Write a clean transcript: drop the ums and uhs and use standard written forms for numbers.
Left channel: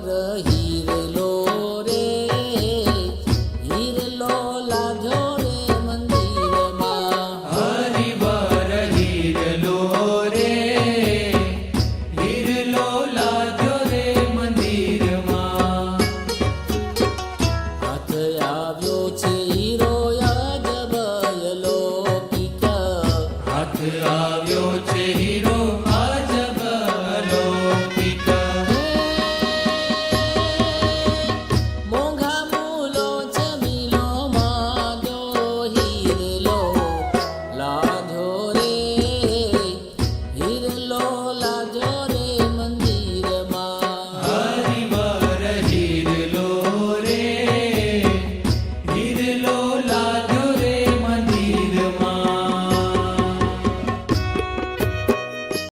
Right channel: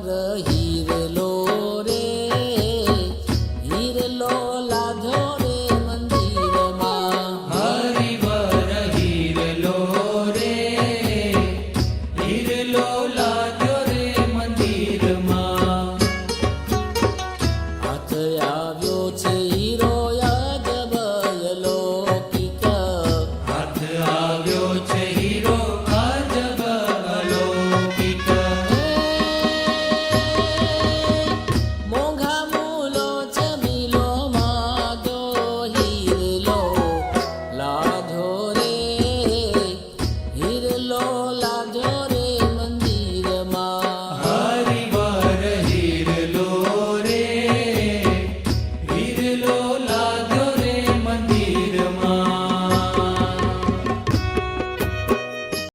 પર હીરલો રે હીરલો લાજો રે મંદિરમાં હરિવર હીરલો રે હીરલો લાજો રે મંદિરમાં હાથ આવ્યો છે હીરો અજબયલો કિક હાથ આવ્યો છે હીરો અજબ અલૌકિક મોંઘા મૂલો ચમીલો માગો હીરલો લાજો રે હીરલો લાજો રે મંદિર